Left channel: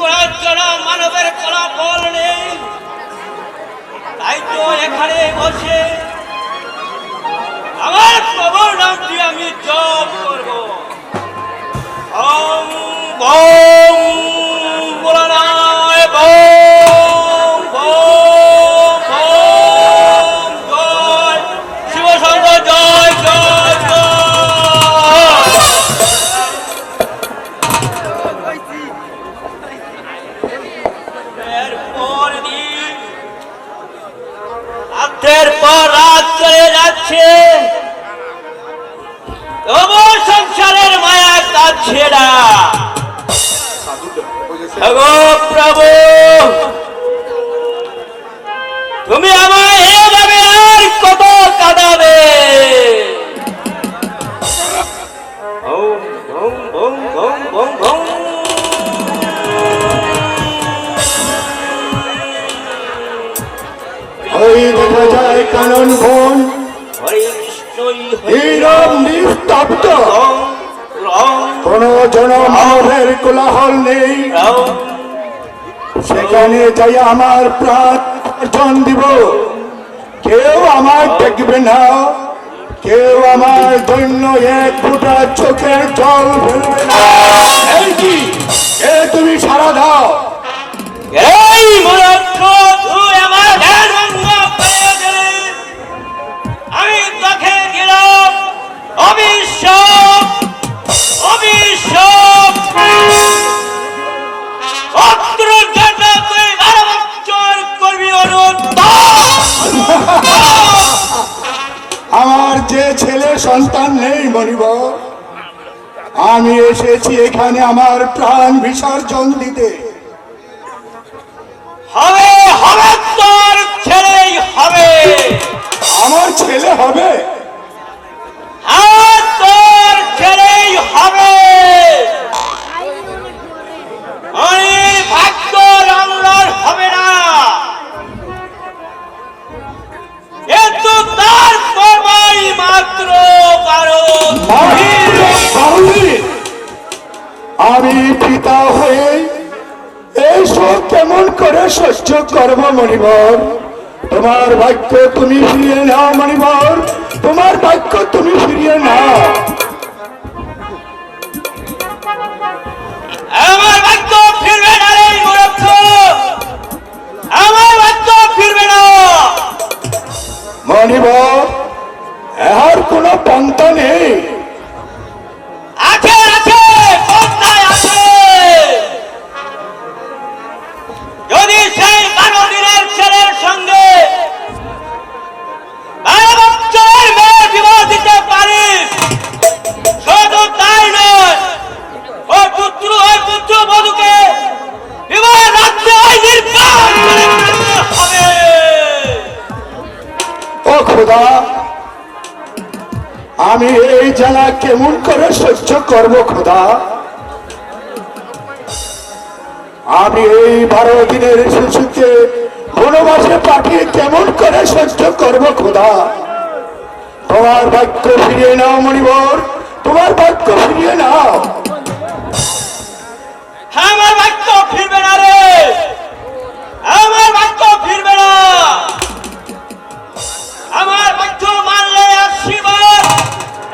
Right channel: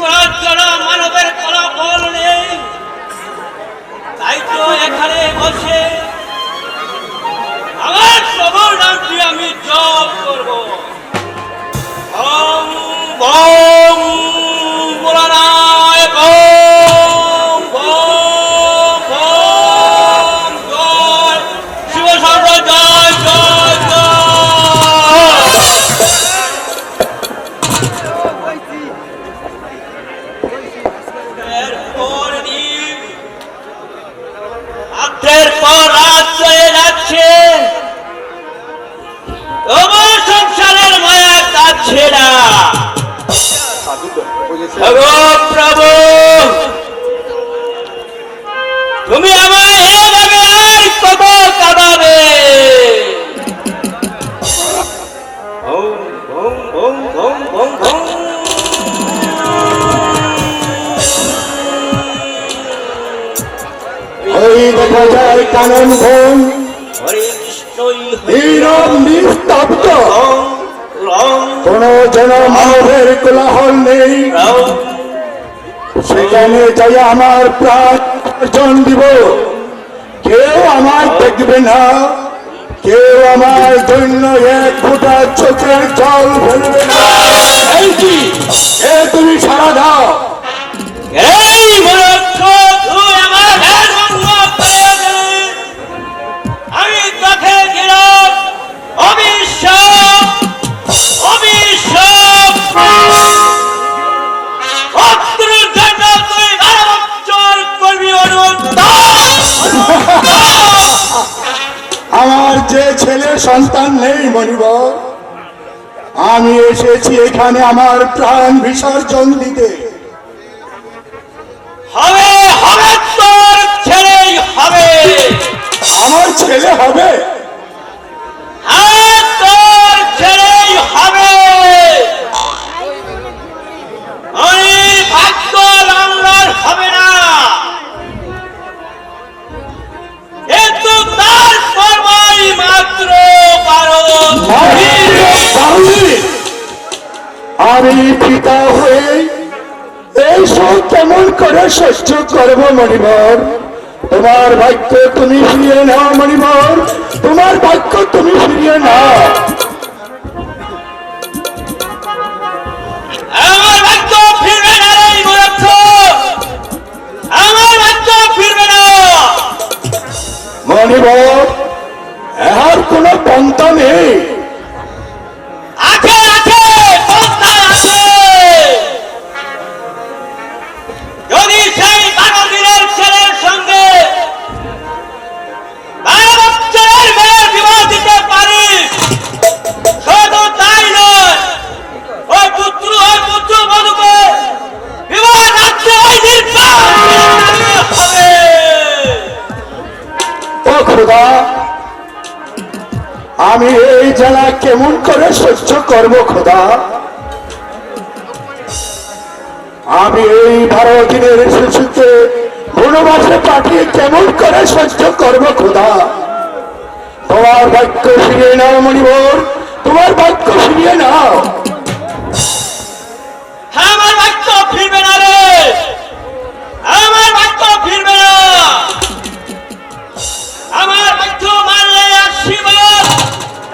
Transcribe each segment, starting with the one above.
করার জন্য মানবের ফলাফল নেই, তাই তো এখানে বসে আমার প্রভুর নামটি আমি জপ করব। ওম বম বলরায় বম বম বম জয় শিব শব্দ জয় জয় জয়। এরপর দিন রাতের পর রাত চলে যাচ্ছে, তবু সংসারের মায়া কাটছে না। প্রভু তুমি আমায় এভাবে আর কত কাঁদাবে? ওই দেখা যায় কানন বন নীরব নিস্তব্ধ, কোন জনমানবের কোলাহল নেই। সেখানে যাই আমার প্রাণ অর্জন দিব, কেউ আমায় দেখবে না, কেউ আমার জন্য এক ফোঁটা চোখের জল ফেলবে না। এই কি এ তুমি সারা দাও। এই মূর্খ, তুই আমার ধ্যান ভঙ্গ করে দিলি। আমি তোকে দিলাম অভিশাপ, অভিশাপ। অত্রের জন্য তুই 12 বছর করবি আমার যে ছেলে সন্তান নেই মনিবর, আমি এসেছি এখানে আমার প্রাণ বিসর্জন দিতে। হবে হবে, তোর ছেলেই হবে। আমার ছেলে হবে? হ্যাঁ, তোর ছেলেই হবে। ওই ভাগ্য লাঙ্গল হবে না, কিন্তু তার করবাই মাত্র কারণ আমি পিতা হয়ে এইসব কেমন করে সহ্য করবো মনিবর? তোমার ভাগ্য তুমি ফিরিয়ে নাও মনিবর, তোমার ভাগ্য তুমি ফিরিয়ে নাও। আমার ভাগ্য ফিরবে না রে মূর্খ, আমার ভাগ্য ফিরবে না। মনিবর এর কোনো পন্থা নেই? আছে আছে, পন্থায় আছে। যদি সেই 12 দিনের ছেলের সঙ্গে 12 বছরের মেয়ের বিবাহ দিতে পারিস, শুধু তাই নয়, ওই পুত্র বধূকে বিবাহ রাত্রে ওই নির্বাণ হবে। ও খোদা, আমি এই জ্বালা কেমন করে সহ্য করব খোদা? আমি এই 12 দিনের শিশুকে বনবাসে পাঠিয়ে কেমন করে সহ্য করব খোদা? তোমার বাক্য ফিরিয়ে নাও মনিবর, তোমার বাক্য ফিরিয়ে নাও। আমার বাক্য ফিরবে না রে, আমার বাক্য ফিরবে না। আমার বাক্য মানলে আশীর্বাদ,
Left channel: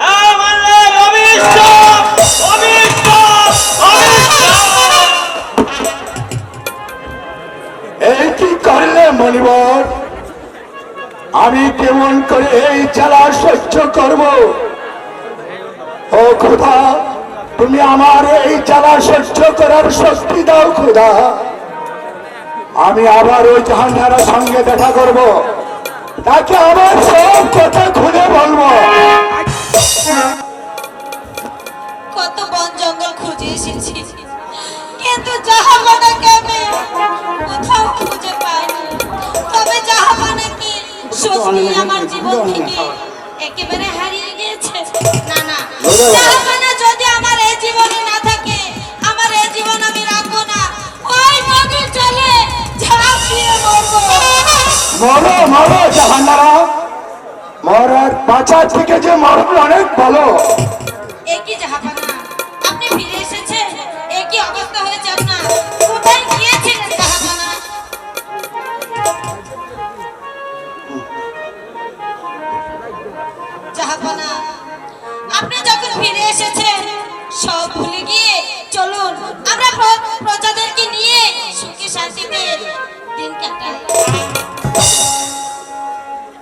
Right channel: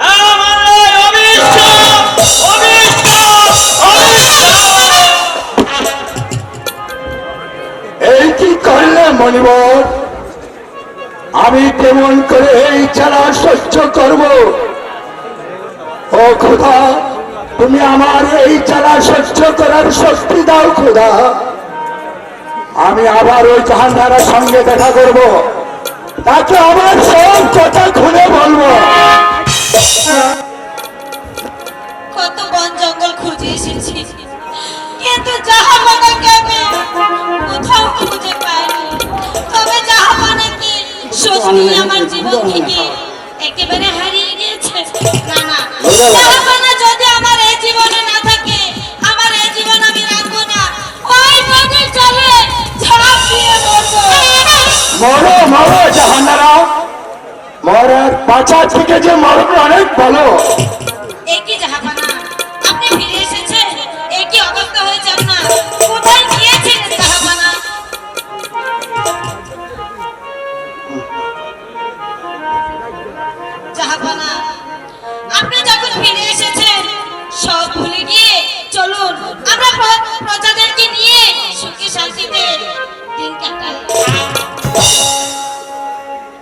না মানলে অভিশাপ, অভিশাপ, অভিশাপ। এই কি করলে মনিবর? আমি কেমন করে এই জ্বালা সহ্য করব? ও খোদা, তুমি আমার এই জ্বালা সহ্য করার শক্তি দাও খোদা। আমি আবার ওই জাহান্নারের সঙ্গে দেখা করব, তাকে আবার সব কথা খুলে বলবো। কত বন জঙ্গল খুঁজে এসেছি, কিন্তু জাহাপানাকে আমি কোথাও খুঁজে পাইনি। তবে জাহাপানা কি সত্যি আমার জীবন থেকে একেবারে হারিয়ে গিয়েছে? না না, জাহাপানা যদি আমার এই জীবনে না থাকে, আমার এই জীবন আমি রাখবো না। ওই নদীর জলে ঝাঁপ দিয়ে মরবো। মরো মরো জাহান্নারা, মরার বাঁচা থেকে যে মরবে অনেক ভালো। একই জাহাপানা, আপনি ফিরে এসেছেন, একই অবস্থা হয়েছে আপনার। কোথায়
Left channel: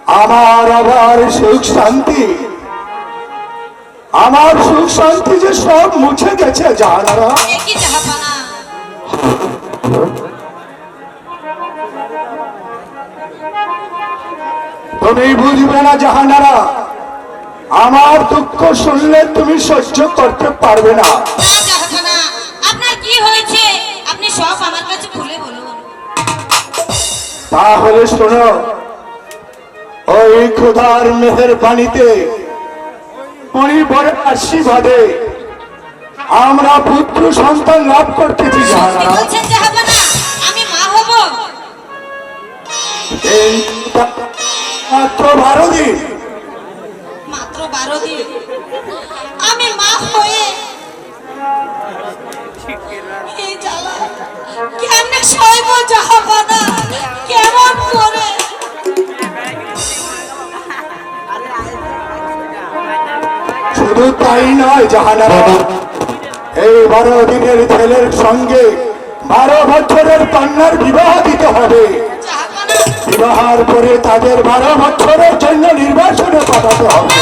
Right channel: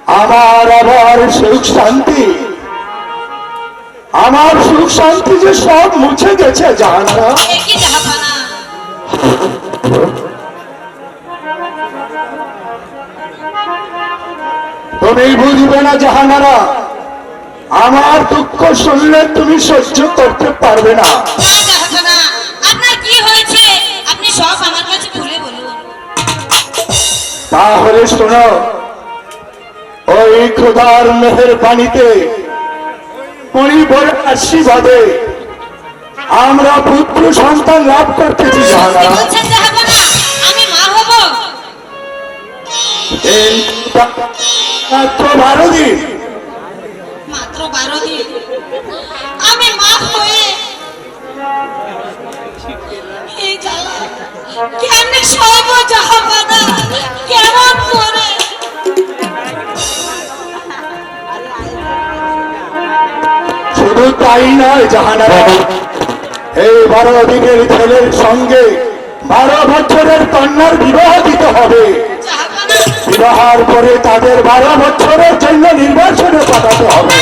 আমার আবার সুখ শান্তি, আমার সুখ শান্তি যে সব মুছে গেছে জাহানারা। এ কি জাহাপানা? তুমি বুঝবে না জাহানারা, আমার দুঃখ শুনলে তুমি সহ্য করতে পারবে না। না জাহাপানা, আপনার কি হয়েছে আপনি সব আমার কাছে খুলে বলুন। তাহলে শোনো, ওই খোদার মেহের পানিতে পরিবারের আশীর্বাদে আমরা পুত্র সন্তান লাভ করতেছি কি জাহানারা। বলছেন জাহাপানা? আমি মা হব? মাত্র 12 দিন। মাত্র 12 দিন আমি মা হয়ে এই জ্বালা কেমনে সইব জাহাপানা? কেমন করে? শুধু তাই নয় জাহানারা, এই 12 দিনের ছেলের সঙ্গে 12 বছরের কন্যার বিবাহ দিতে হবে। জাহাপানা বিবাহের পরে তাদের 12 বছরের জন্য নির্বাচনে পাঠাতে হবে।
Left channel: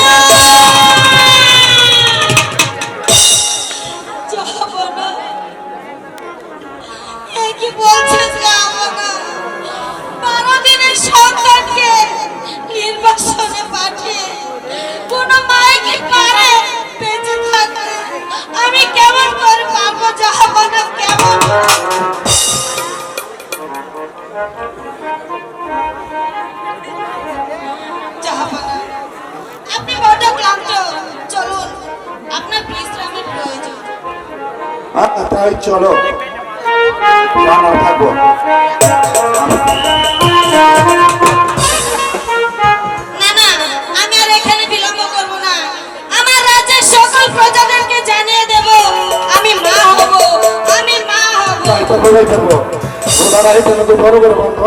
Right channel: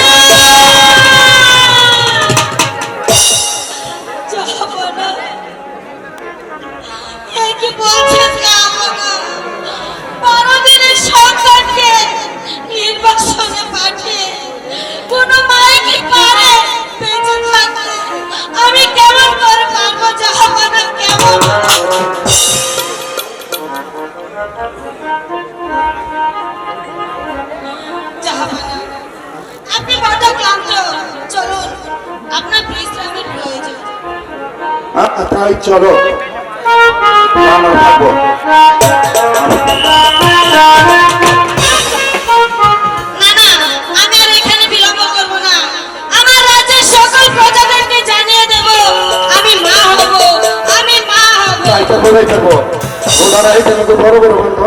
জাহাপানা এ কি বলছেন জাহাপানা? 12 দিনের সন্তানকে নির্বাসনে পাঠিয়ে কোন মাই কি পারে বেঁচে থাকতে? আমি কেমন করে পারবো জাহাপানা? কেমন? জাহাপানা আপনি বড় ক্লান্ত, চলুন, আপনার বিশ্রামের প্রয়োজন। তাই চলো আমরা থাকবো। না না, আমি আর এখানে বিলম্ব করব না। আমার রাজ্যের সকল প্রজাদেরকে জানিয়ে দেব আমি মা হব, আমি মা হব। তাই তো বলেই থাকবো। ওনারা এখানে তো বড় বড় বন্ধু।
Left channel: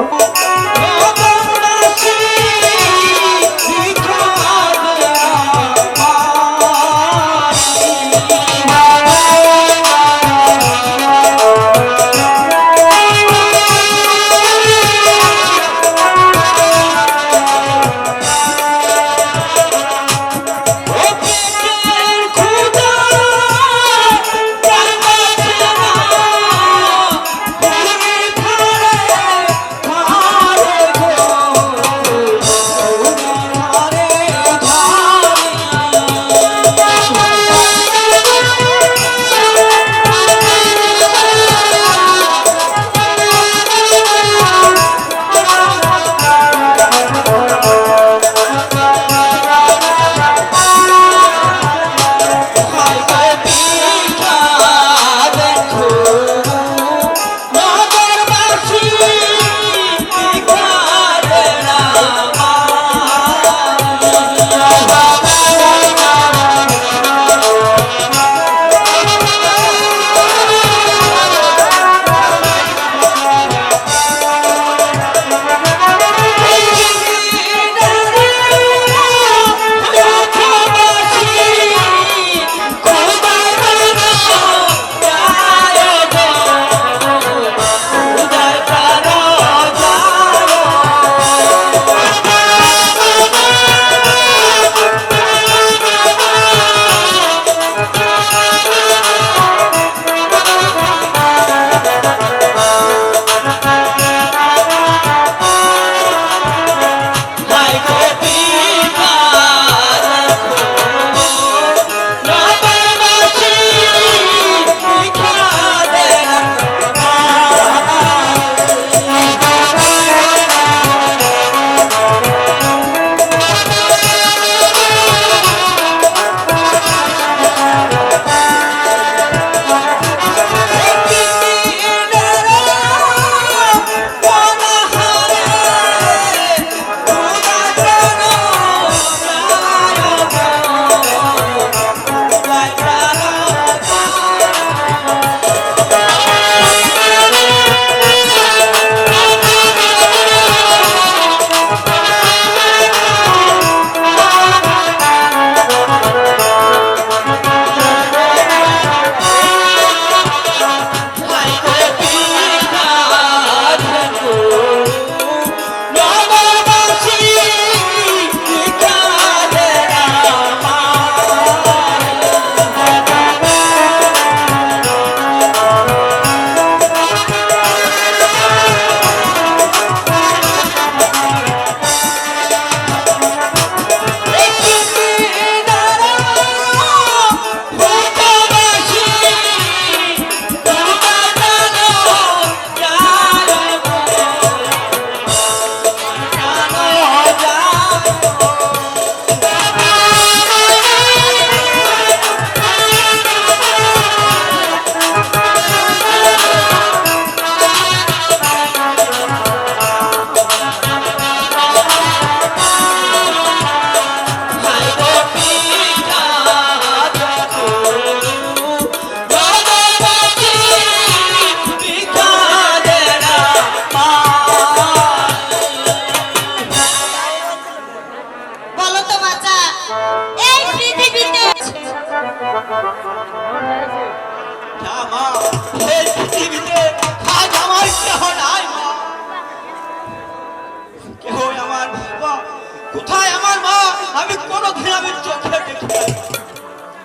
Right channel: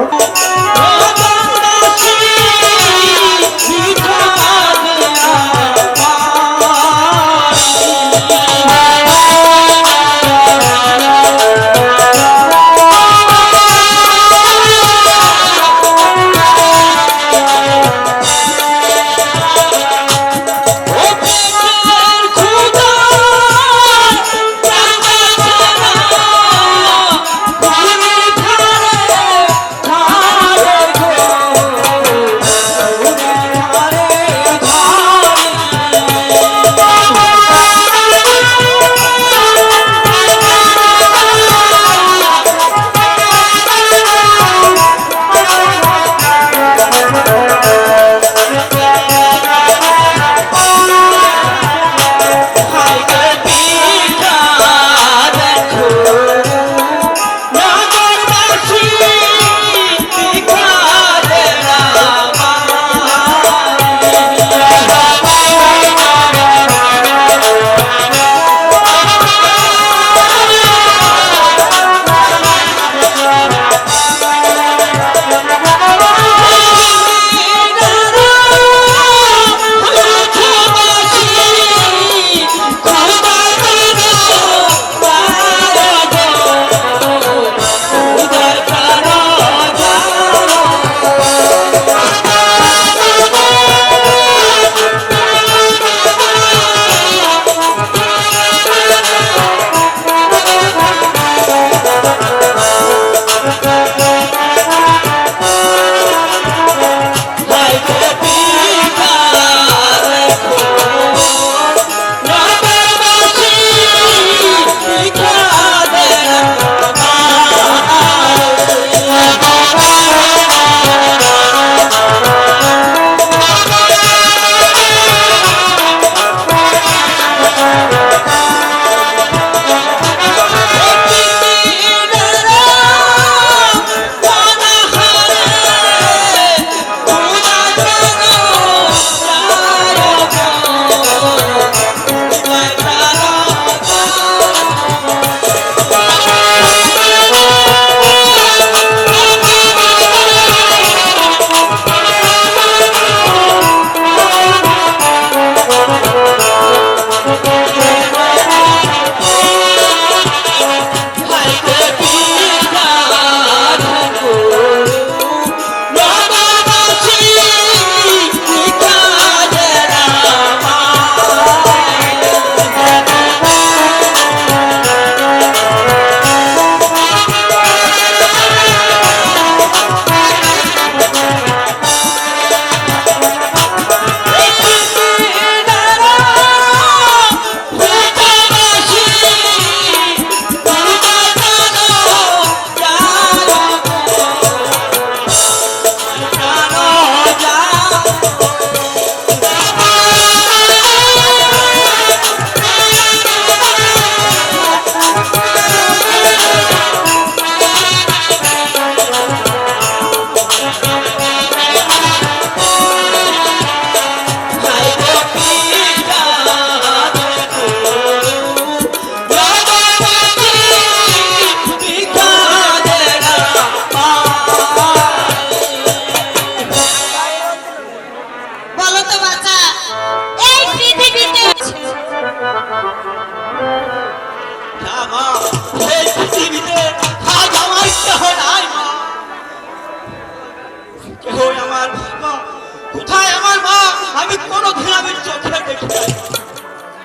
আমি কোনোদিন আমি চোখে দেখি নাই।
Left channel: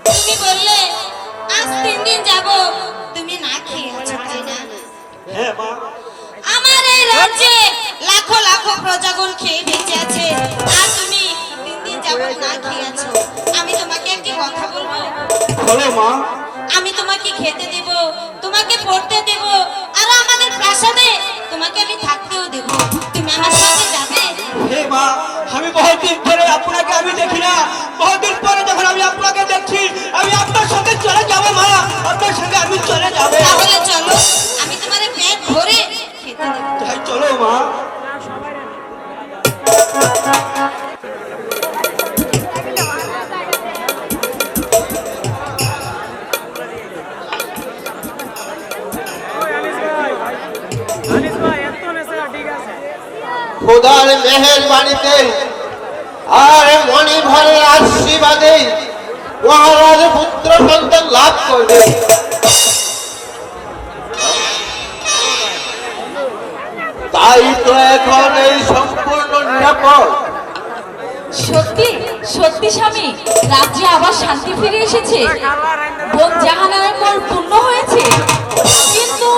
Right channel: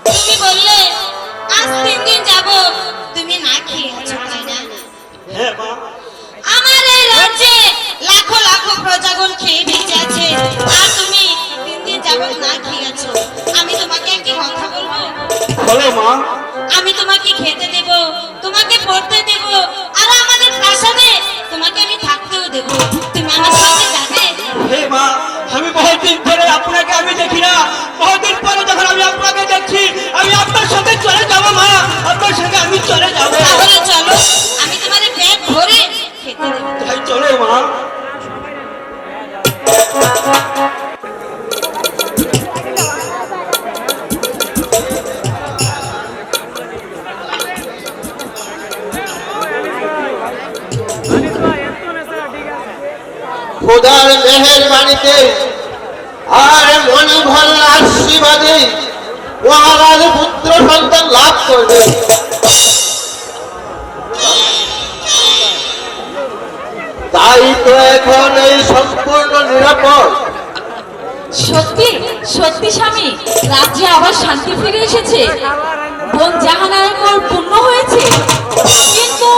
তুমি বললে আজ 3 দিন যাব তুমি না খেয়ে আছো তাই না? হ্যাঁ মা, আমার এই রাজ্যে লাখো লাখো প্রজাগণ খেয়ে বেঁচে আছে আর তুমি 3 দিন যাবত না খেয়ে আছো। আমি তোমাকে একটি কথা বলবো, বলো মা। আমি তোমাকে খেতে দেব, তোমাকে পড়তে দেব, আর আমাদের প্রাসাদে তোমাকে আমি থাকতেও দেব। তুমি আমার সাথে যাবে? হে মা, আমি বহুদিন ধরে আপনাকে আমি দেখি না, বহুদিন পরে যখন আমি আপনাকে দেখছি আমি আপনার সাথে চলে যাব মা, আপনার সাথে আমি চলে যাব। তাহলে চলো, আমি তোমাদের পেট ভরে খেতে দেব। তাই চলো মা। খোদার মেহেরবানিতে আর মণিভরের আশীর্বাদে মহারাজ পুত্র সন্তান লাভ করবে। তাই তো এখন এই সম্পূর্ণ নিরাপদ। সত্যি সত্যি স্বামী, রাজ্যে আবার শান্তি ফিরে এসেছে। বোন জাহানার পূর্ণ হয়েছে, কিন্তু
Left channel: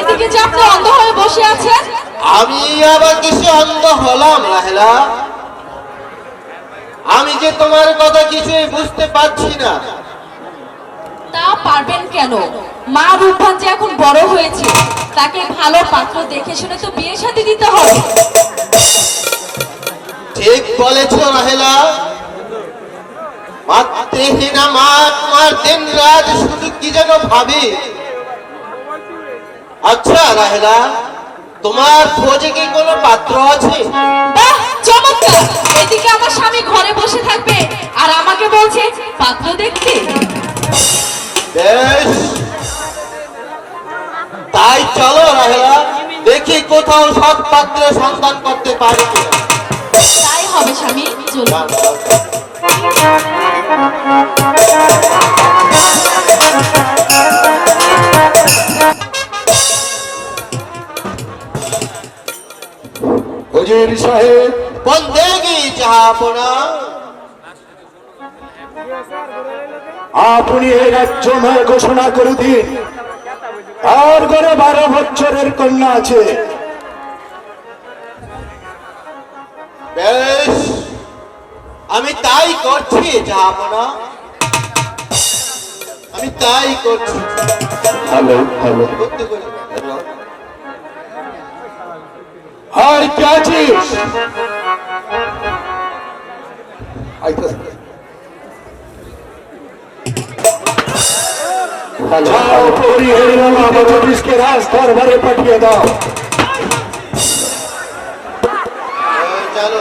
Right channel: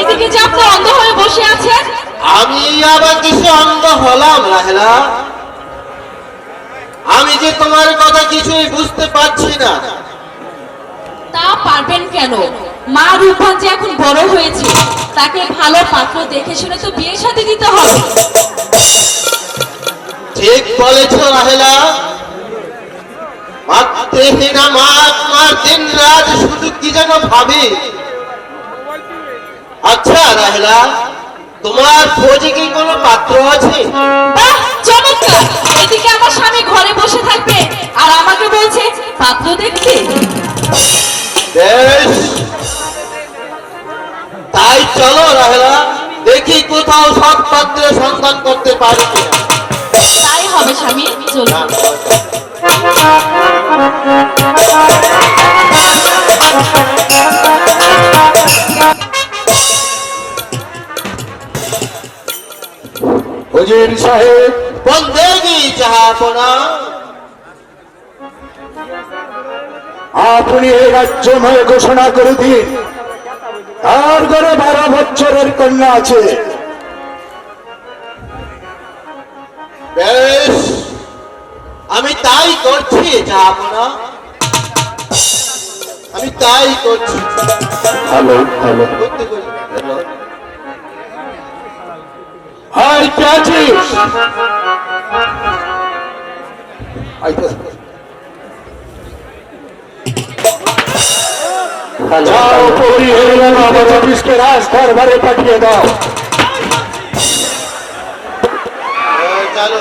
এদিকে যে আপনি অন্ধ হয়ে বসে আছেন। আমি আবার দেশে অন্ধ হলাম রাহেলা? আমি যে তোমার কথা কিছুই বুঝতে পারছি না। তা পারবেন কেন? মা রূপবান যে এখন বড় হয়েছে, তাকে ভালো পাত্র দেখে শুনে তো বিয়ে শাদী দিতে হবে। ঠিক বলেছ রাহেলা। মাতৃহীনা মা আমার দিন রাত শুধু কি যেন ভাবি। আচ্ছা রাহেলা, তোমার খোঁজে কি কোনো পাত্র আছে? বাহ, চমৎকার! এদিকে আমার স্বামী ঘরে বসে থাকবে আর আমাকে বলছে পাত্র দেখতে। বেশ, তাই চলো রাহেলা, দেখি কোথাও সৎ পাত্রের সন্ধান করতে পারি কিনা। তাই হবে স্বামী, চলুন। হুজুর সাহেব, বন্দেগি জাহাপনা। আপনি এই রাজ্যময় ঘোষণা করে দিন আর ঘরে 12 বছরের কন্যা আছে। বেশ, আমি তাই করছি জাহাপনা, আমি তাই করছি। হ্যালো হ্যালো, করতে করি। হাই কে আছিস? যাও পরি হয়ে গেল, আমার অফিসকে রাজ দরবারে পাঠিয়ে দাও। চলো।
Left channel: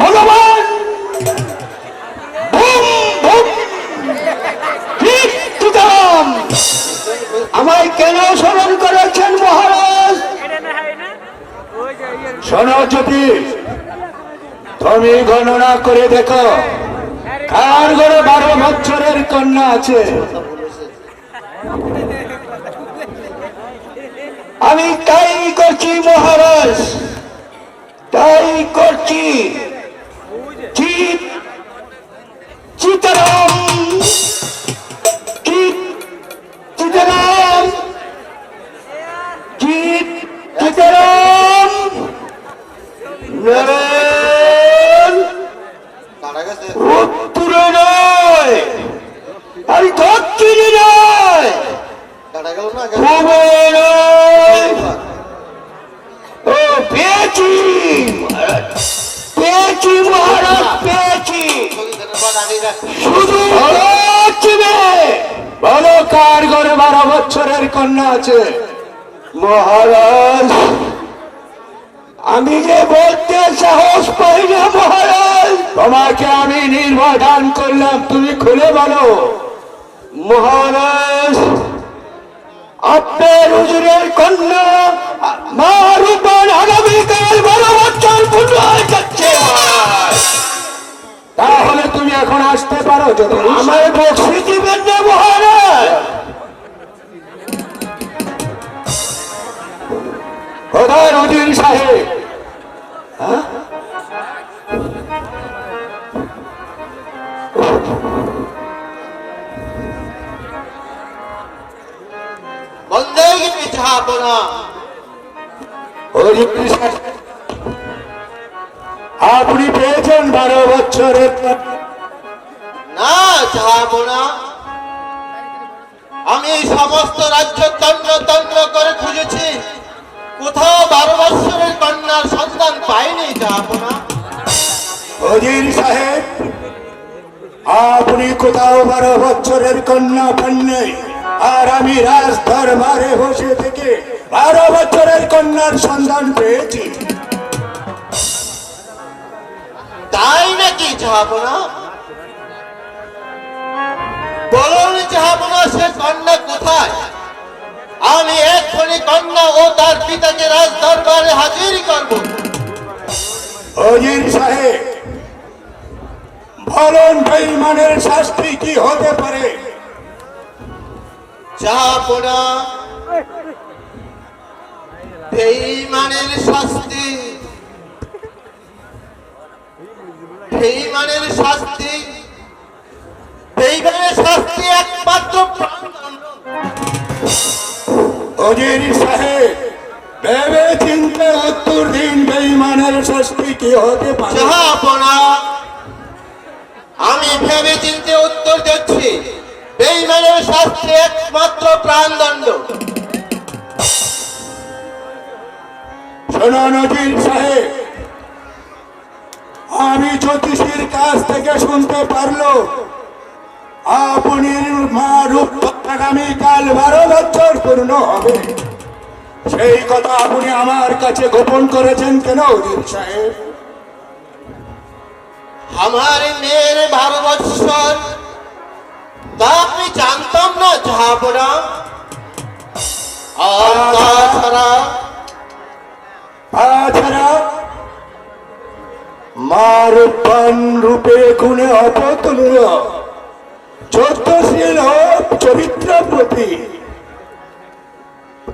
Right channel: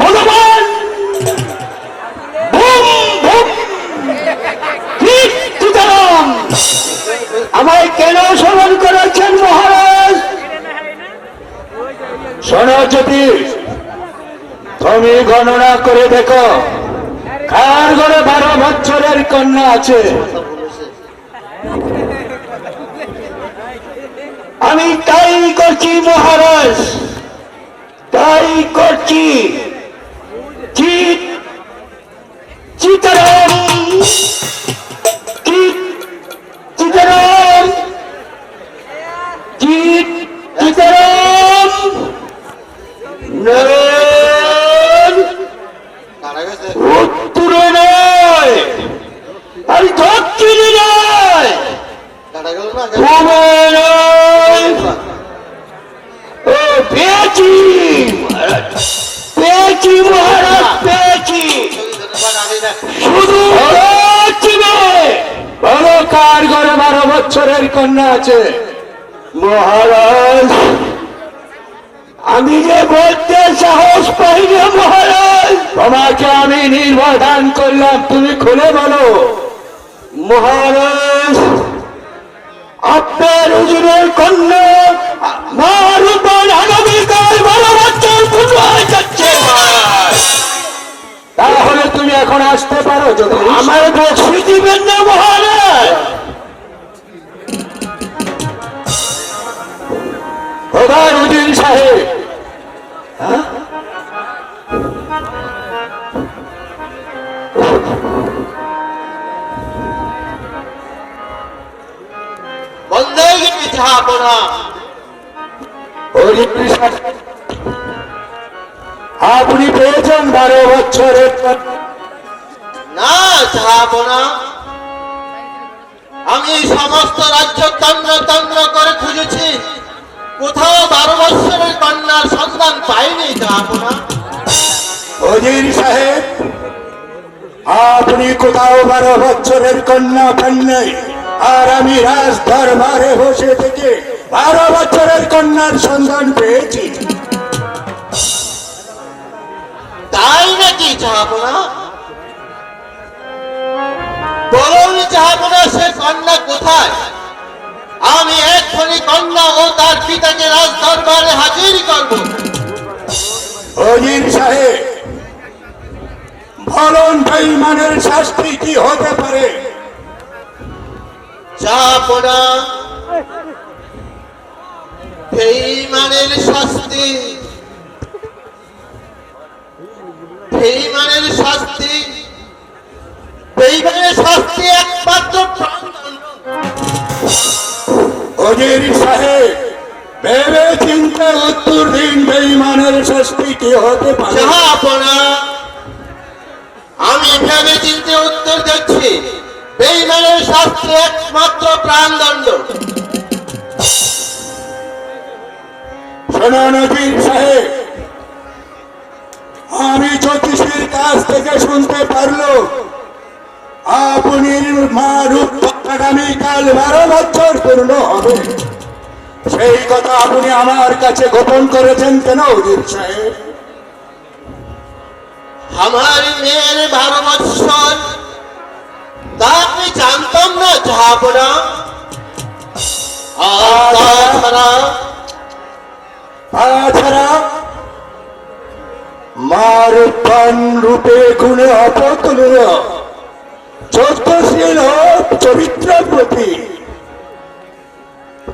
ভগবান আমায় কেন স্মরণ করেছেন মহারাজ? শোনো জ্যোতিষ, তুমি গণনা করে দেখো কার ঘরে 12 বছরের কন্যা আছে। আমি তাই করছি মহারাজ, তাই করছি। চিতারাম, চিতারাম, চিতারাম, কারা গেছে? উত্তরে নয়, আমি দক্ষিণে নয়, কারা গেল না? পূবে নয়। ও পেয়েছি পেয়েছি মহারাজ, পেয়েছি। শুধু পেয়েছি নয়, বলো কার ঘরে 12 বছরের কন্যা আছে? মহারাজ, আমি যে বলতে সাহস পাই না মহারাজ। তোমাকে আমি নির্ভয় দান করলাম, তুমি খুলে বলো। মহারাজ, আপনার হুজুরের কন্যা মা রূপবান আগামীকাল 12 বছর পূর্ণ হয়ে যাচ্ছে। তাহলে তুমি এখন আসতে পারো। যদি আমার বক্সি দিবেন না মহারাজ। মন্দাকিনী জাহাপনা, অজির সাহেব, আপনি পেয়েছেন 12 বছরের না জাহাপনা, আমি এই সমস্ত রাজ্য তন্দ্র তন্দ্র করে খুঁজেছি, কোথাও 12 বৎসরের কন্যার সন্ধান পাইনি জাহাপনা। অজির সাহেব, আপনি কোথাও 12 বছরের কন্যা পান নাই, আর আমি রাজ দরবারে বসে থেকে 12 বছরের কন্যার সন্ধান পেয়েছি। তাই নাকি জাহাপনা? বলুন জাহাপনা, সে কন্যা কোথায়? আমি এক্ষুনি কন্যা ও তার পিতাকে রাজ দরবারে হাজির করব। অজির সাহেব, বলুন বেঈমানের শাস্তি কি হতে পারে? জাহাপনা, বেঈমানের শাস্তি, বেঈমানের শাস্তি, বেঈমানের শাস্তি একমাত্র প্রাণদণ্ড। অজির সাহেব, ভেবে চিন্তে উত্তর দিন, বেঈমানের শাস্তি কি হতে পারে? জাহাপনা, আমি ভেবে চিন্তে উত্তর দিচ্ছি, বেঈমানের শাস্তি একমাত্র প্রাণদণ্ড। শুনুন অজির সাহেব, আমি জ্যোতিষীর কাছ থেকে শুনতে পারলো আপনি মা রূপ আগামীকাল 12 বছর পূর্ণ হবে। সেই কথা আপনি আমার কাছে গোপন করেছেন কেন অজির সাহেব? আমার মেয়ের 12 বৎসর, তা আমি জানতাম না জাহাপনা। আর তাছাড়া মা রূপান রূপে গুণে অপতুল্য, চোদ্দশীল ও চরিত্র প্রতি,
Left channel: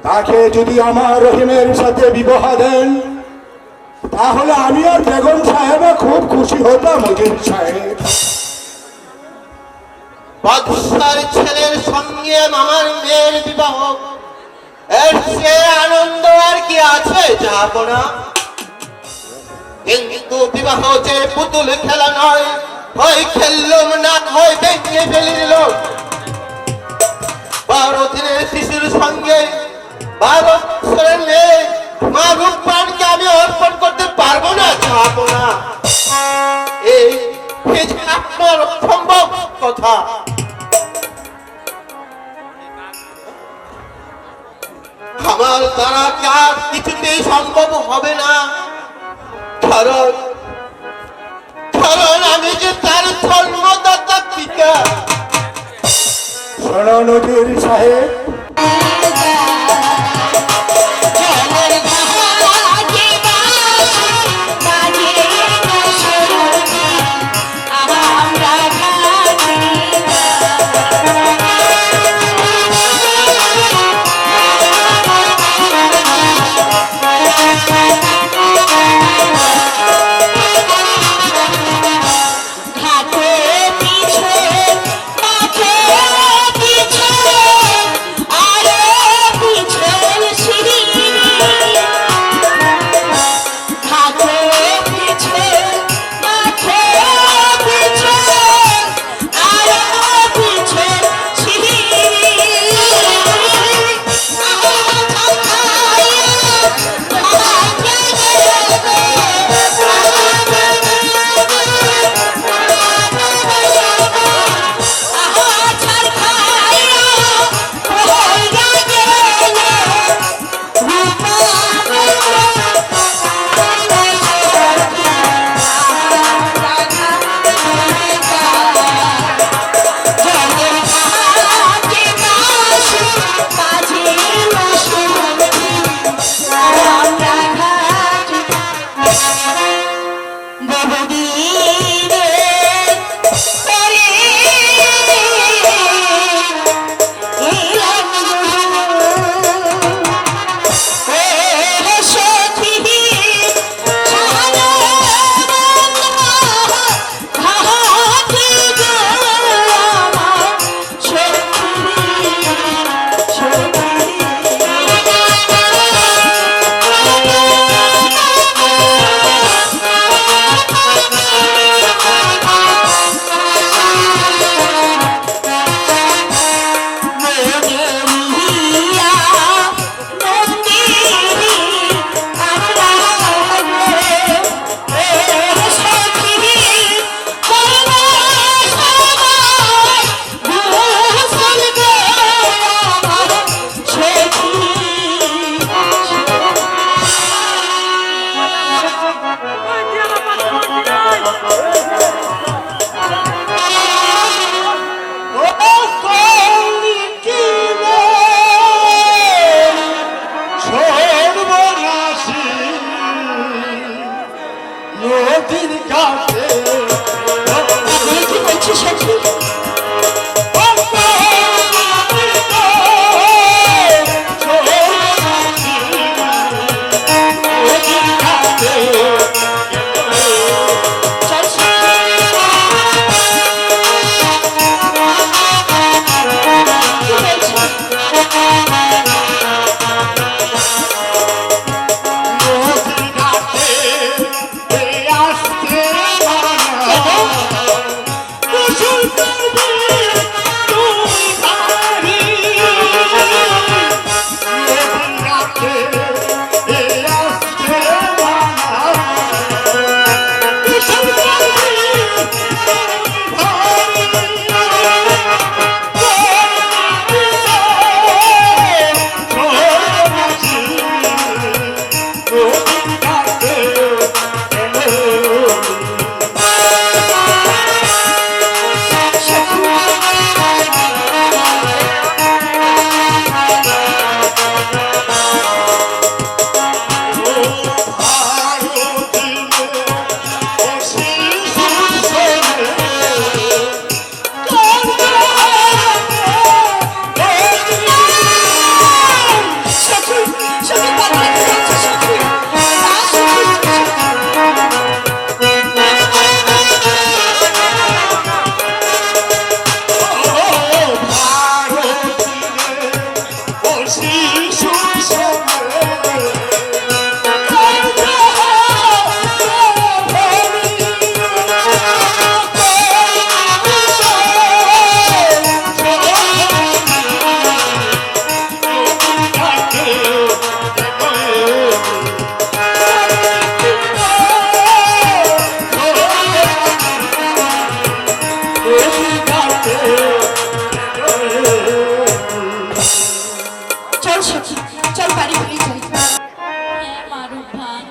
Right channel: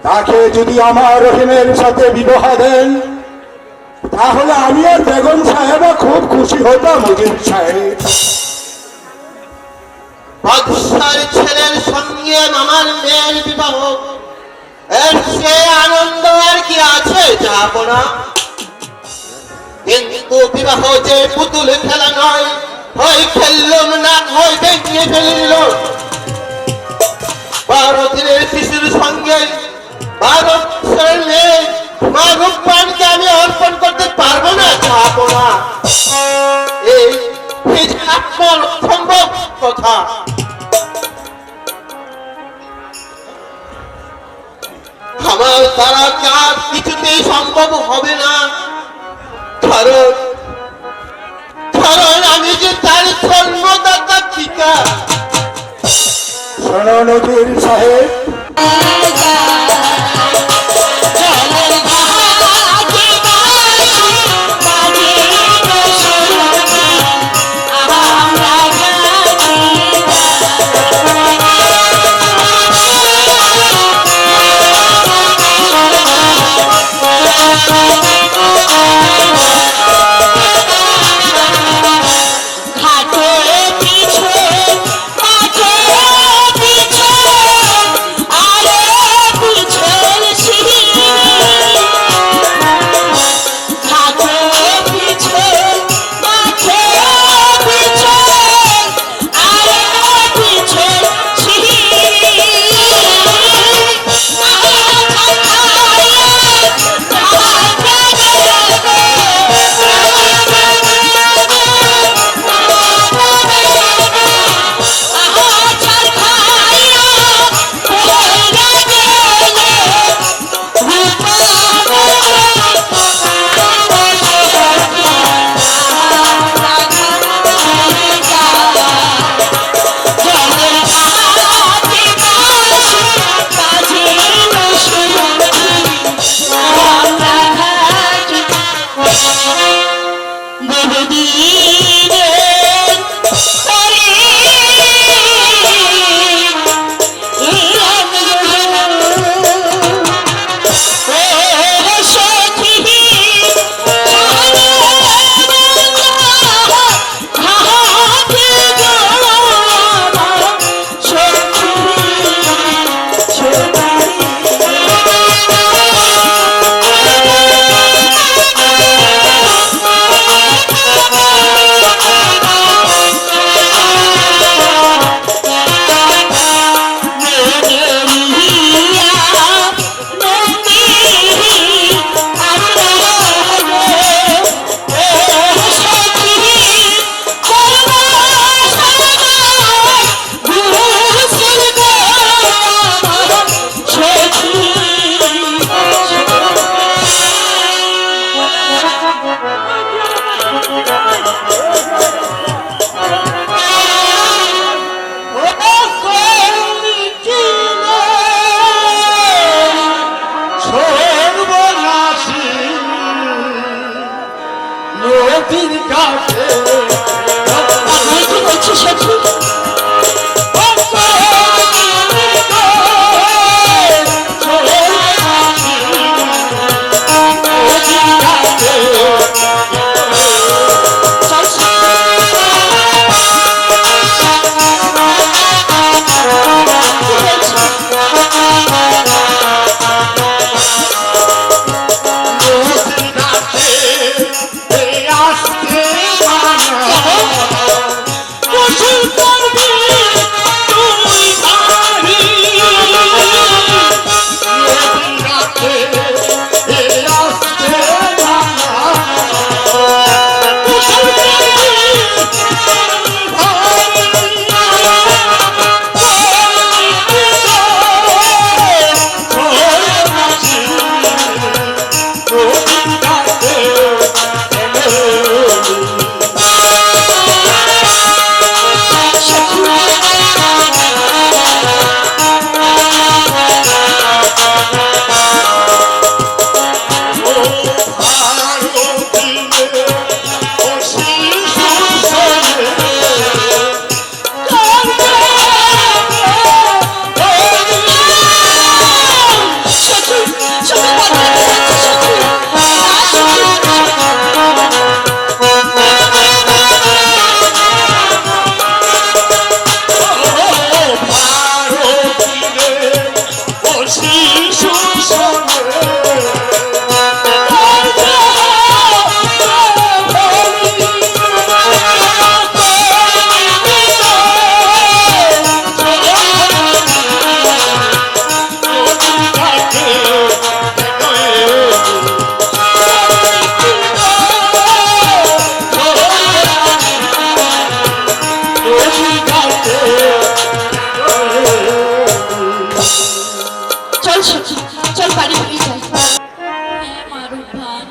তাকে যদি আমার রহিমের সাথে বিবাহ দেন, তাহলে আমি আর বেগম সাহেবা খুব খুশি হতাম অজির সাহেব। বাদশার ছেলের সঙ্গে আমার মেয়ের বিবাহ, এর সে আনন্দ আর কি আছে জাহাপনা? কিন্তু বিবাহ যে পুতুল খেলা নয়, হয় খেললুম না হয় ভেঙে ফেলে দিল। 12 দিনের শিশুর সঙ্গে 12 বছরের মেয়ে মা রূপবানকে আমি অর্পণ করতে পারবো না জাহাপনা। এই যে আপনার অসম্ভব কথা। আমার দ্বারা কাজ কিছুতেই সম্ভব হবে না, কারণ আমি যে তার জন্মদাতা পিতা। শুনুন অজির সাহেব, নদীর ঘাটে আমি কি বলছি সত্যি? চল সখী, চল বাড়ি ফিরে যাই। হ্যাঁ মারুফান,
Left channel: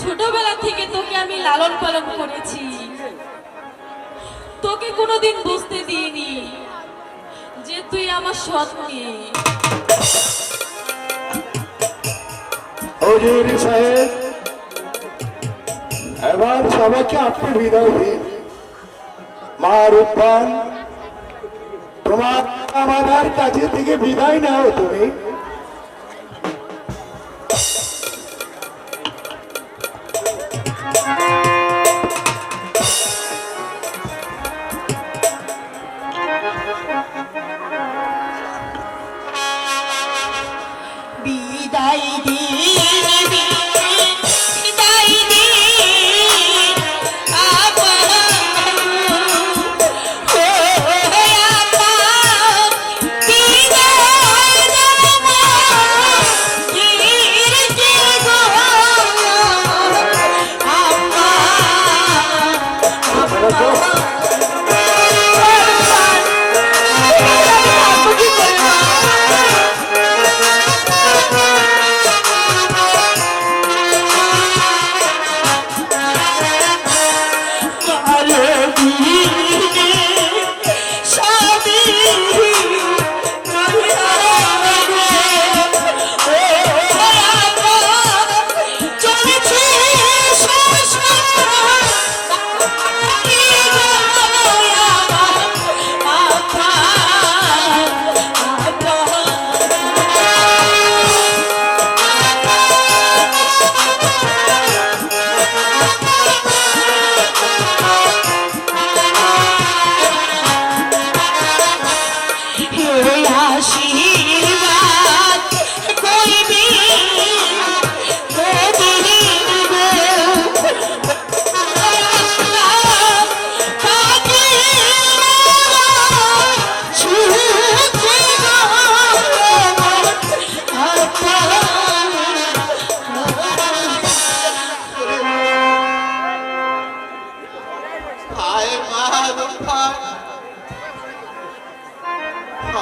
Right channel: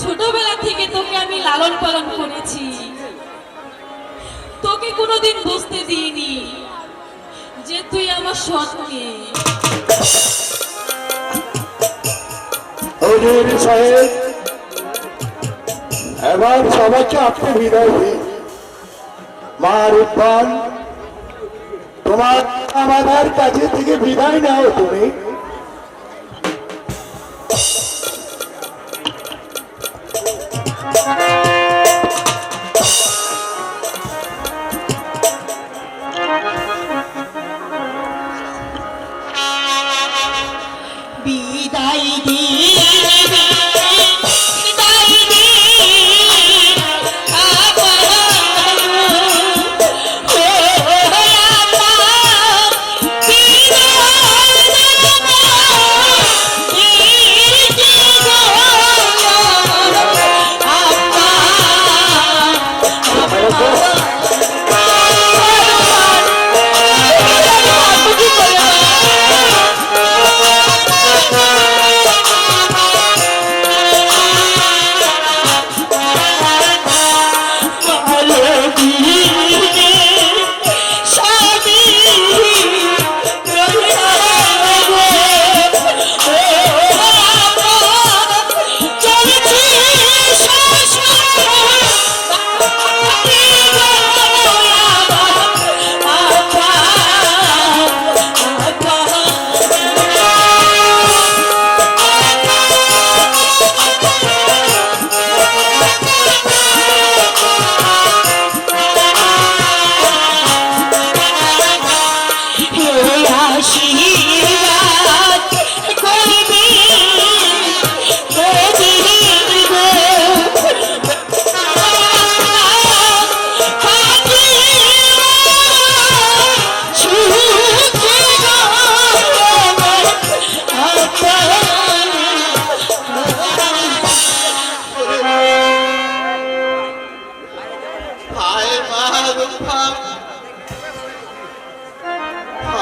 ছোটবেলা থেকে তোকে আমি লালন পালন করেছি, তোকে কোনোদিন বুঝতে দিইনি যে তুই আমার সৎ মেয়ে। হজুর সাহেব, এবার সবাইকে আপনি বিদায় দিন। মা রূপবান, তোমার আমাদের কাছে থেকে বিদায় নাও তুমি। বিদায় দিবি, বিদায় দিবি,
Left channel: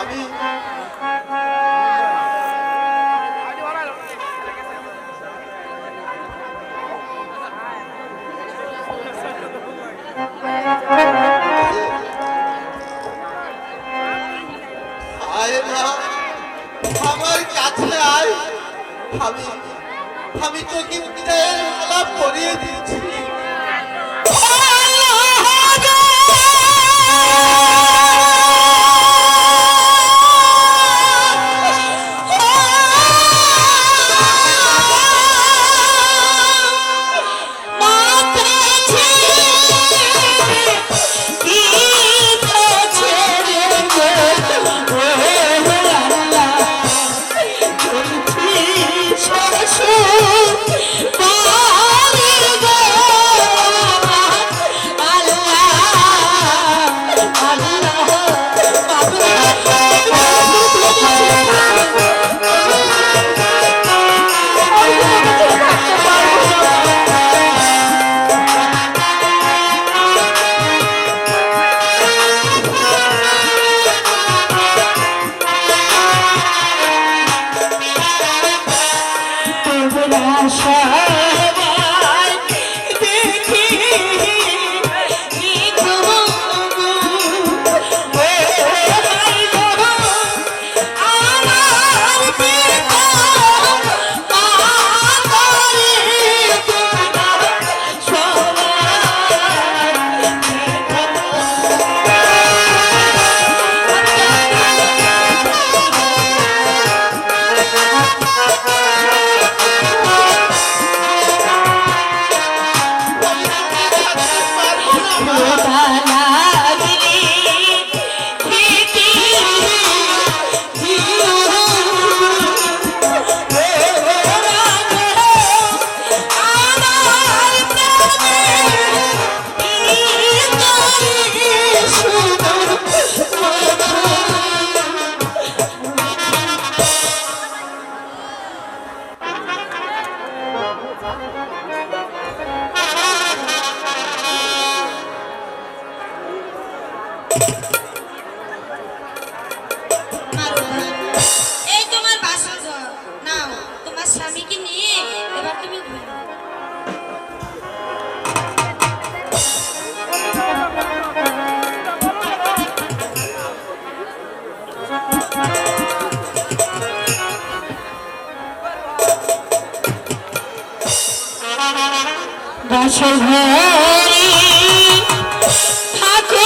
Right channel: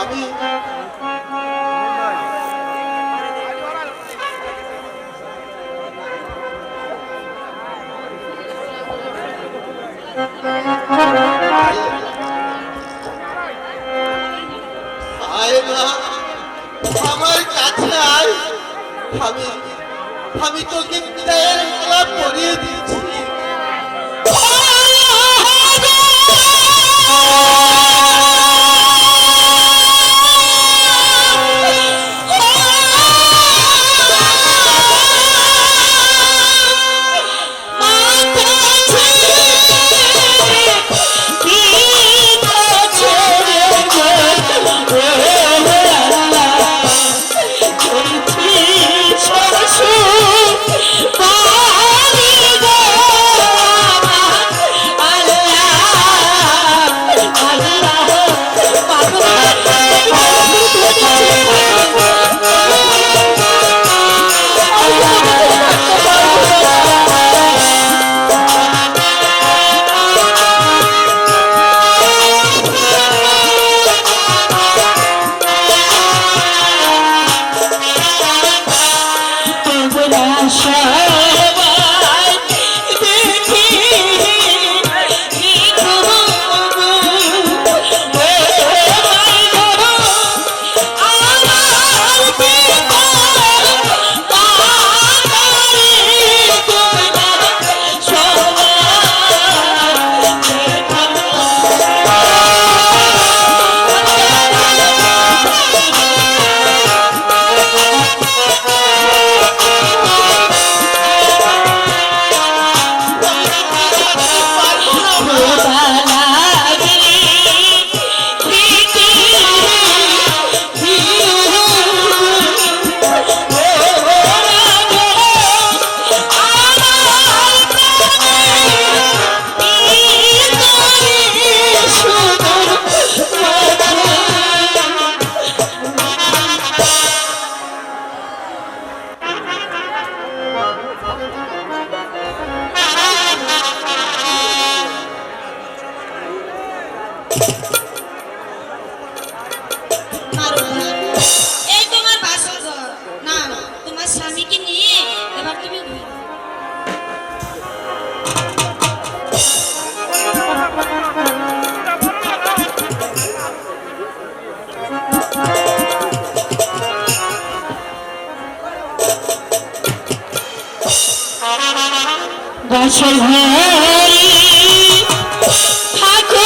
আমি আয় মা, আমার কাছে আয়। আমি আমি তোকে বিদায়ের মালা পরিয়ে দিচ্ছি। এই তোমার বাসা ঘর নাও, তোমার স্বামীকে নিয়ে এবার তুমি ঘুরো। বছর ভরে থাকো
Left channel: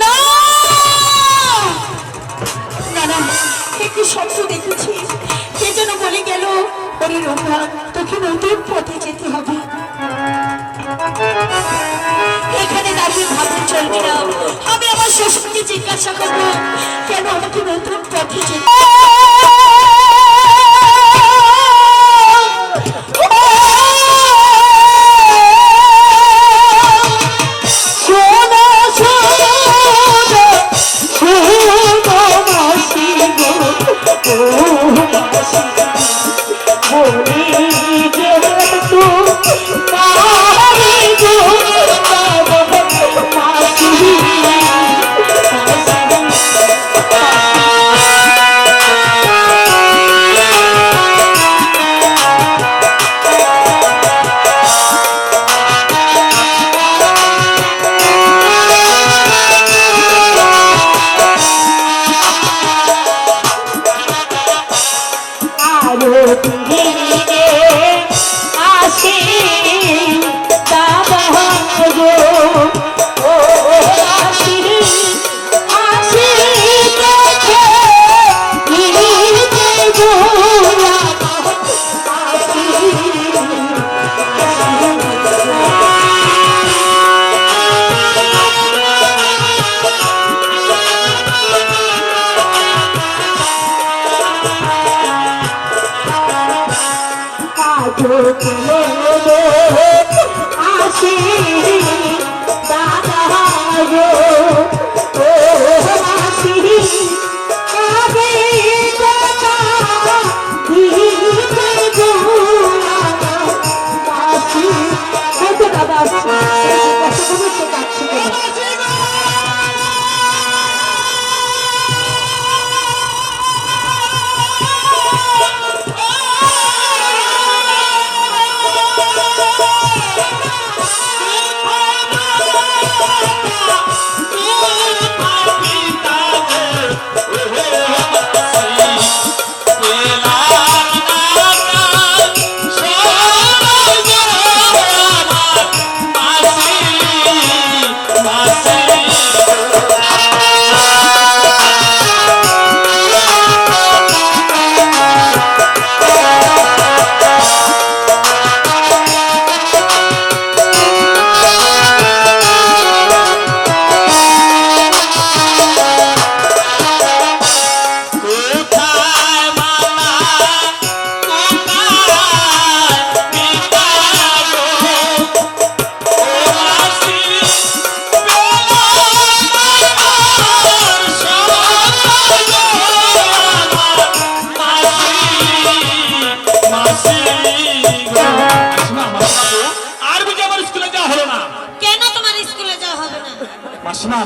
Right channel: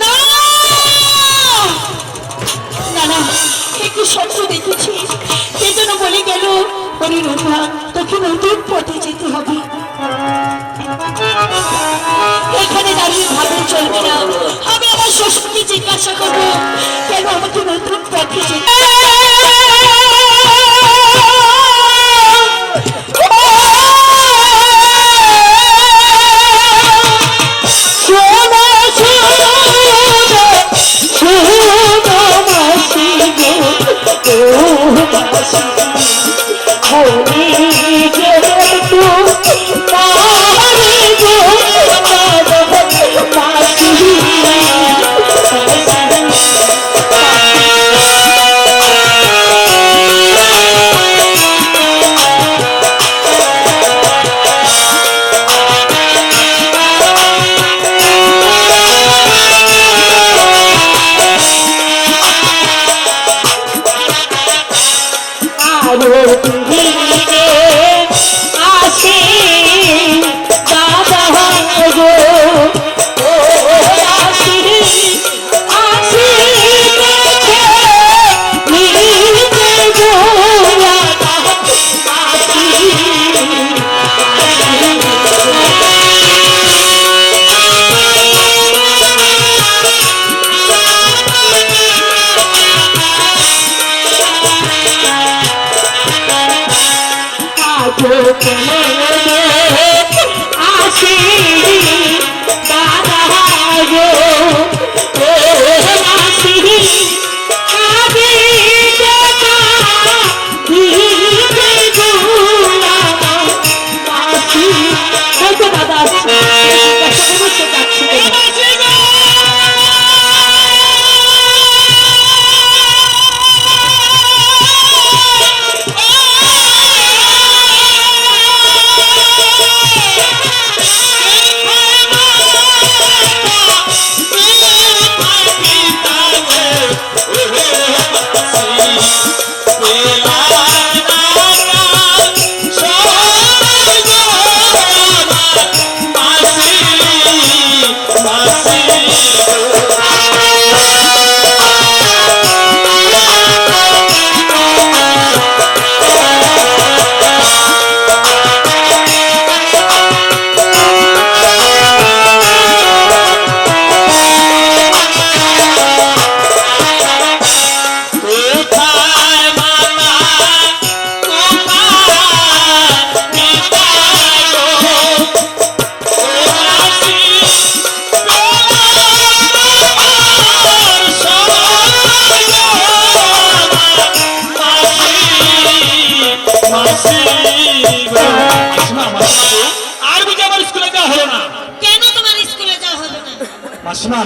না না না, একটু স্বপ্ন দেখেছি, সেজন্য বলে গেল ওরে রম্ভা, তোকে নতুন পথে যেতে হবে। এখানে দাঁড়িয়ে ভাবে চলবে না, আমি আমার শ্বশুরকে জিজ্ঞাসা করবো কেন আমাকে নতুন পথে যেতে।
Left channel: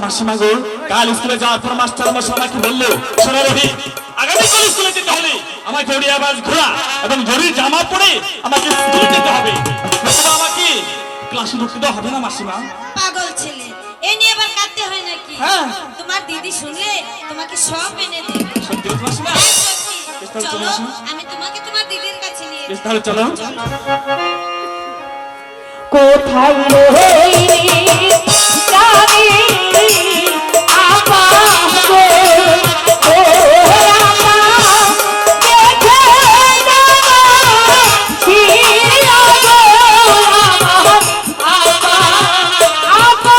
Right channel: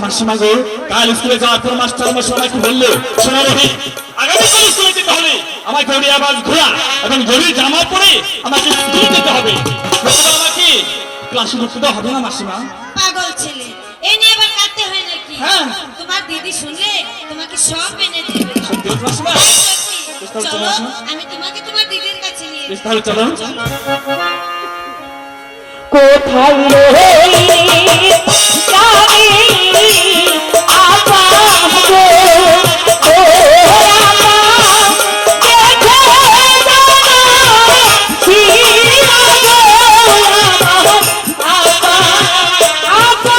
মাসিমা গো, কাল স্কুলে যাওয়ার পর মাস্টার আমার সবাইকে বললো, শোনো রবি, আগামীকাল স্কুলে যেতে হলে আমাকে ওড়িয়া বাস ঘোরা এবং জরির জামা পরে আমাকে স্কুলে যেতে হবে। আমাকে ক্লাসে ঢুকতে দেওয়া হবে না মাসিমা? পাগল ছেলে, এ নিয়ে আবার হ্যাঁ। তোমার দিদি শুনলে তোমাকে সব মেনে দেবে সত্যি বলছো মাসিমা? সত্যি। চলো, চলো আসো। আমি তোমাকে তোমার দিদির কাছে নিয়ে বেশ, তাহলে চলো। কোথায় রইলি যাবি আকাশ গো, ও আকাশ দেখে যাও শিরা গো, আকাশ।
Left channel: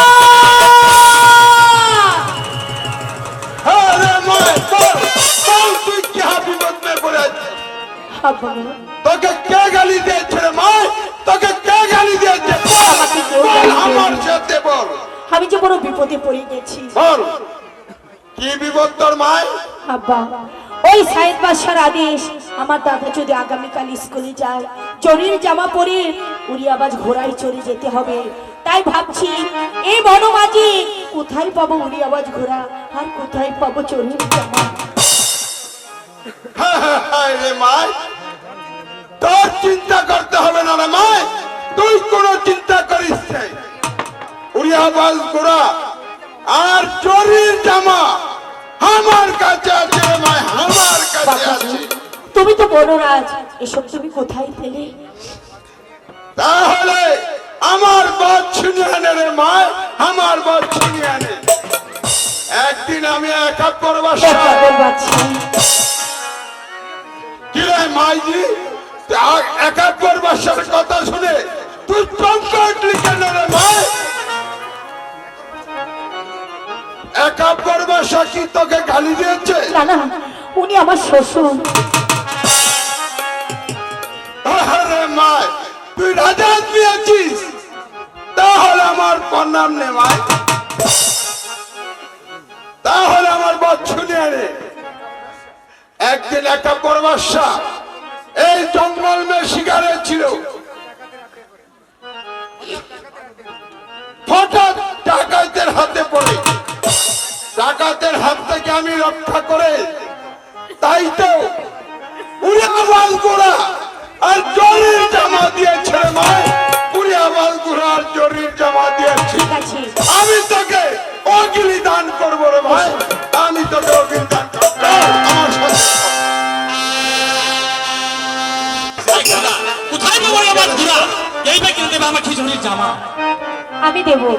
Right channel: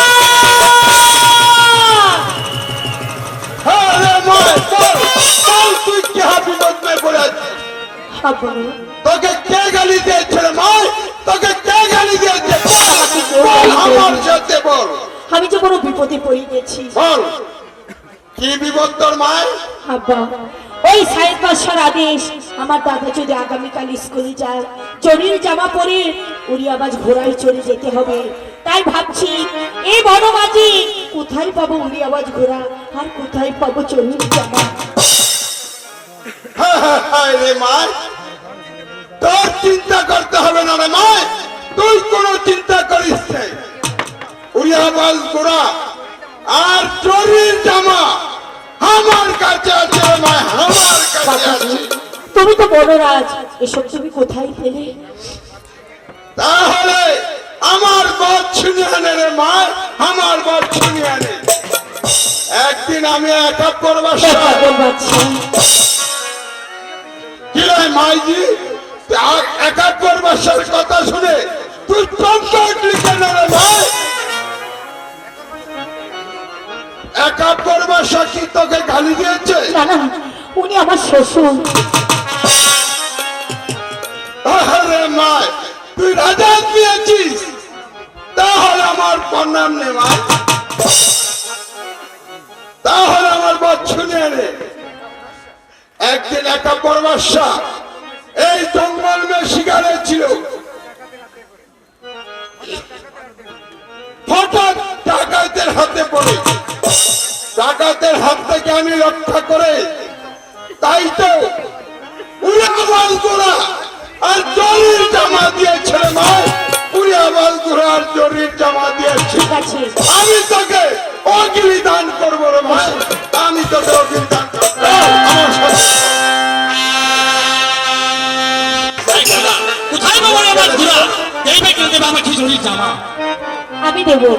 হ্যাঁ রে মায়, বল, বল তুই কি বিপদ মেয়ে পড়ে আছিস? তোকে কে গালি দিয়েছে রে মায়? তোকে কে গালি দিয়েছে? বল, আমার সাথে বল। আমি যে বড় বিপদে পড়ে গেছি বল, কি বিপদ তোর মায়? আব্বা। ওই সাইদ বাদশার আদেশ, আমার দাদা যদি আগামীকাল স্কুলে যায় চরির জামা পরে উড়িয়াবাজ ঘোড়ায় চড়ে যেতে হবে। তাই ভাবছি এই বনবাজি কোথায় পাবো উড়িয়াবাজ ঘোড়া আর কোথায় পাবো চরির জামা। হায় রে মায়, তোর চিন্তা করতে হবে না রে মায়, তুই কোনো চিন্তা করিস না। উড়িয়াবাজ ঘোড়া আর চোরের জামা আমার কাছে আছে রে মায়, আমার কাছে আছে। তুমি তো বড় রাজ, এসব তুমি কোথায় পেলে? তাহলে আমার বাদ ছিনিয়ে আনে রে মায়, আমার বাদ ছিনিয়ে আনে। একদিন আমি একা পরবাস কি রে মাইজি, একাত্তর বর্ষের কথা শুনে তুই চমক উঠলি কেন রে ভাই? একাত্তর বর্ষ কি তোকে গালি দিয়েছে? না না, উনি আমার শ্বশুর। আরে মা, তুই রাজা দিয়েছিস, তাহলে আমার প্রণাম নে ভাই, তাহলে আমার বচ্ছু নিয়ে রে। একদিন একাত্তর বর্ষ এই জঙ্গল মে শিকারে ছিল, হঠাৎ ডাকাতের হাতে পড়ে, ডাকাতের হাত থেকে আমি রক্ষা করে, তাই তো উড়িয়াবাজ ঘোড়া আর জরির জামা দিয়েছে মা, উড়িয়াবাজ ঘোড়া আর জরির জামা দিয়েছি। আমি তোকে অগ্নি দান করবো রে মা, আমি তোকে অগ্নি দান করবো। আমার সাথে কোথায় বাবা আমার ঘোড়া? এই ভাই কিনতে আমার খিচুড়ির জামা আমি দেবো।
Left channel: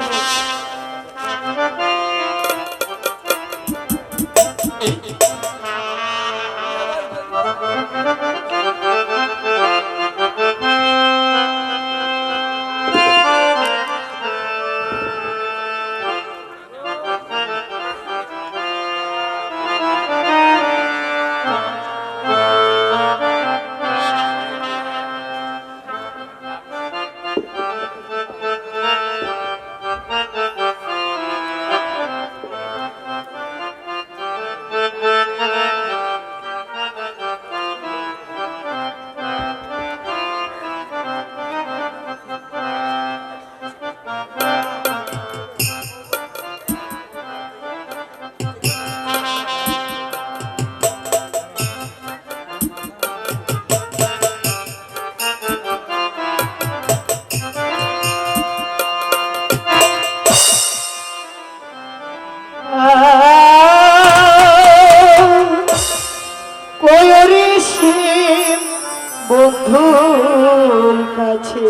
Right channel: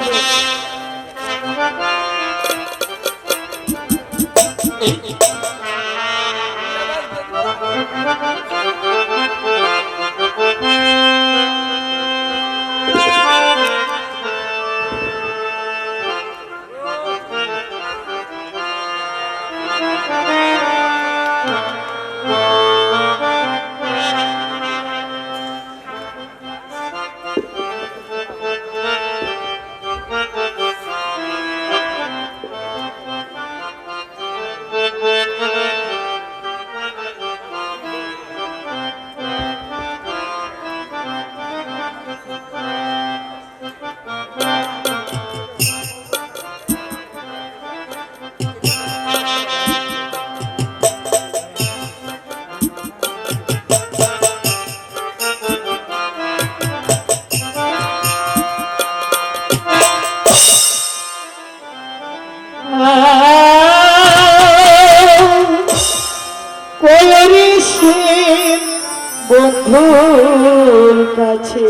বন্ধুর কাছে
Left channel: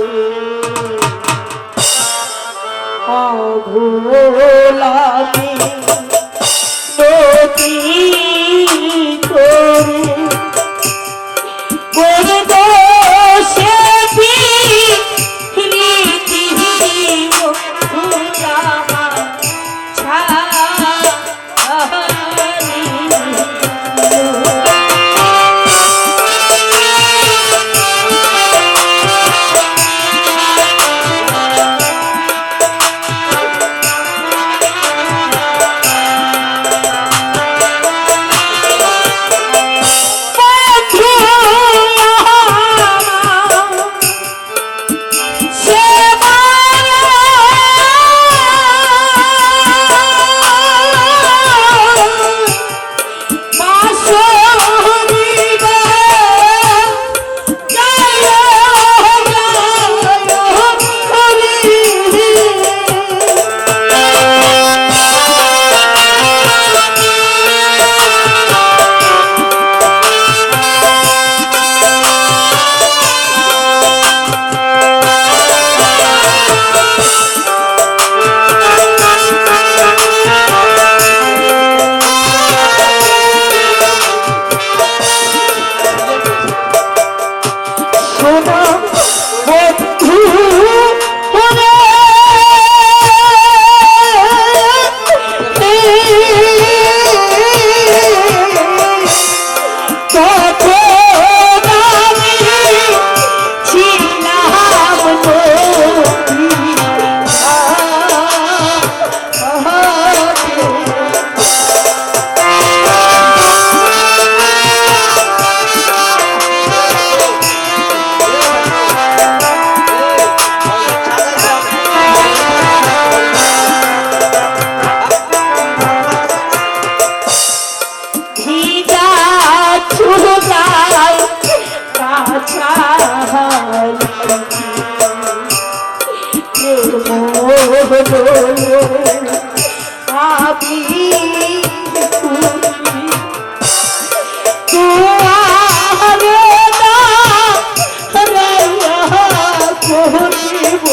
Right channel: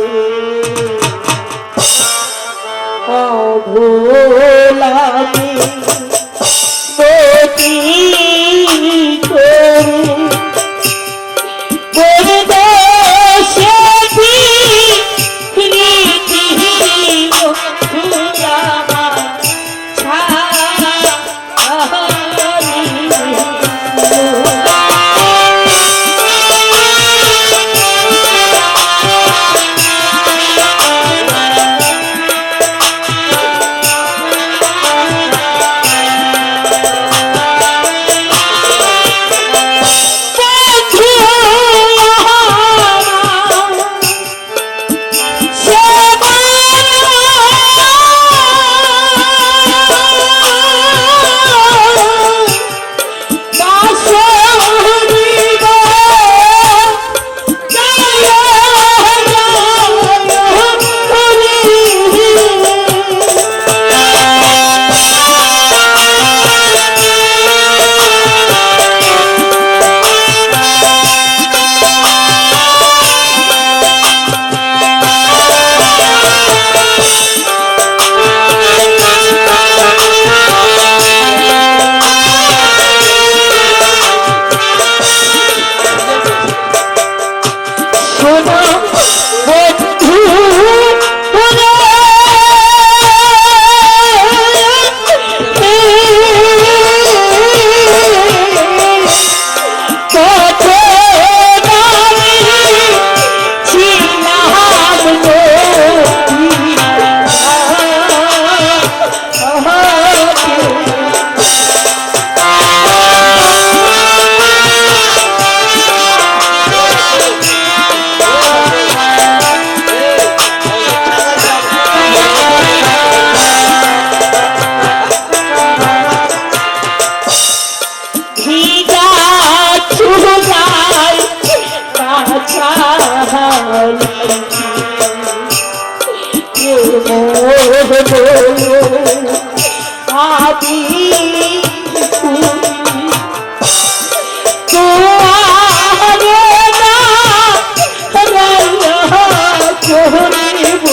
অভোলাতে গতি করে করে দোষে রীতি মুজামা ছাড়ি ভাবি তোমারে না রাইয়া করিব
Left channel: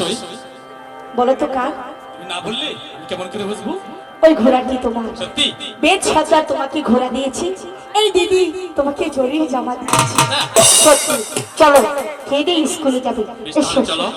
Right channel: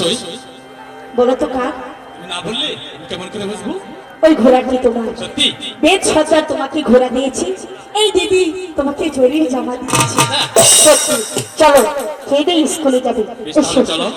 অবশ্যই। বলো তো কার? তুমি না বললে আমি কেমন করে বুঝবো? ওই ঘোড়াটি তোমার। সত্যি? বেদ সজ্জা তোমাকে ঘোড়া দিয়েছি, এই দিদি তোমাকে জরির জামা দিয়েছি। সত্যি। চলো খেয়ে দিয়ে স্কুলে যাবে। বেশ, এসো। তাহলে চলো।